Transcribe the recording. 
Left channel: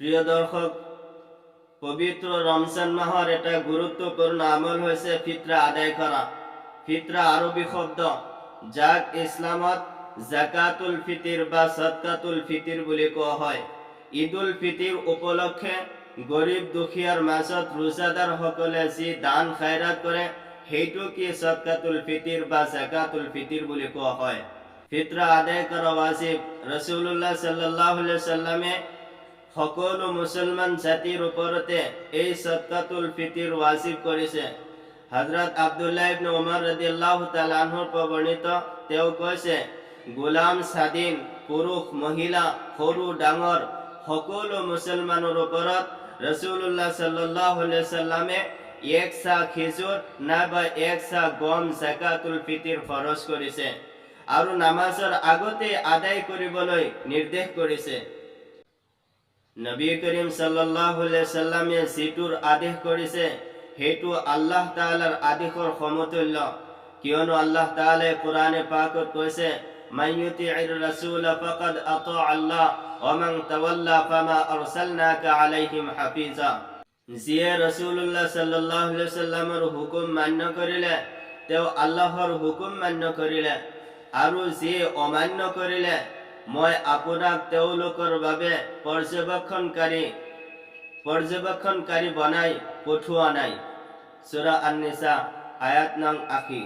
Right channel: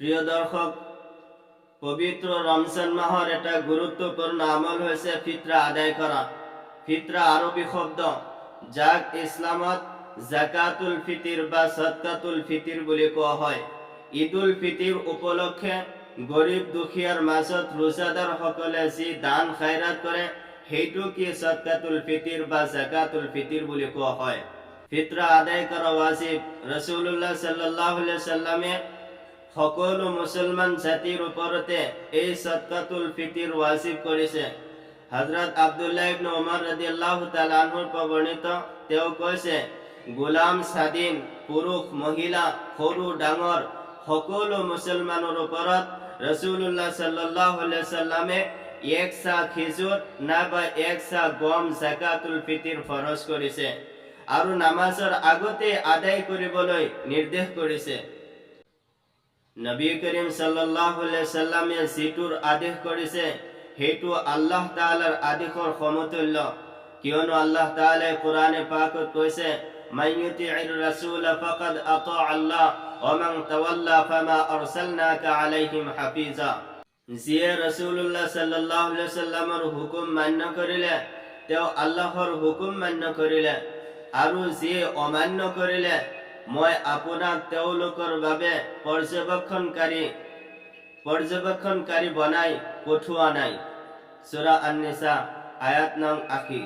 প্রিয় দর্শক, পবিত্র রমজান মাহর এটা গুরুত্বপূর্ণ আমল হয়েছে ফিতরা আদায় করা। ফিতরা আরবি শব্দ, যাক ইসলামত জাকাতুল ফিতির বা সদকাতুল ফিতির বুলি কোৱা হয়। ঈদুল ফিতিৰ উপলক্ষে গৰীব দুখীয়াৰ মাজত ৰোজাদাৰ সকলে যি দান খায়ৰাত কৰে সেইটো কি সদকাতুল ফিতিৰ বা জাকাতুল ফিতিৰ বুলি কোৱা হয়। ফিতরা আদায় করা ওয়াজিব। রাসূলুল্লাহ সাল্লাল্লাহু আলাইহি ওয়াসাল্লামে সকলো মুসলমান জাতির উপরতে এই সদকাতুল ফিতির ওয়াজিব করেছে। হযরত আব্দুল্লাহ ইবনে উমর রাদিয়াল্লাহু তাআলা আনহুর বর্ণিত, তেওঁ কৈছে, গোলাম স্বাধীন পুৰুষ মহিলা সৰু ডাঙৰ সকলো মুসলমানৰ ওপৰত ৰাসূলুল্লাহ সাল্লাল্লাহু আলাইহি ওয়াসাল্লামে এক সা খেজুৰ নাইবা এক সা গম জাকাতুল ফিতিৰ ফৰজ কৰিছে আৰু নামাজৰ আগতে আদায় কৰিবলৈ নিৰ্দেশ কৰিছে। নবী কৰিম সাল্লাল্লাহু আলাইহি ওয়াসাল্লামে যিটোৰ আদেশ কৰিছে সেইটো আল্লাহ তাআলাৰ আদেশৰ সমতুল্য, কিয়নো আল্লাহ তাআলাই কোৰআনে পাকত কৈছে, মান ইউতিইৰ ৰাসূল ফাকাদ আতা আল্লাহ ওয়া মান তাওয়াল্লা ফামা আৰসালনাকা আলাইহিম হাফিজা। যিয়ে ৰাসূলুল্লাহ সাল্লাল্লাহু আলাইহি ওয়াসাল্লামৰ হুকুম মান্য কৰিলে তেওঁ আল্লাহৰ হুকুম মান্য কৰিলে, আৰু যিয়ে অমান্য কৰিলে মই আপোনাক তেওঁলোকৰ বাবে পৰ্যবেক্ষণকাৰী বনাই পঠোৱা নাই। সূৰা আন-নিসা আয়াত নং ৮০।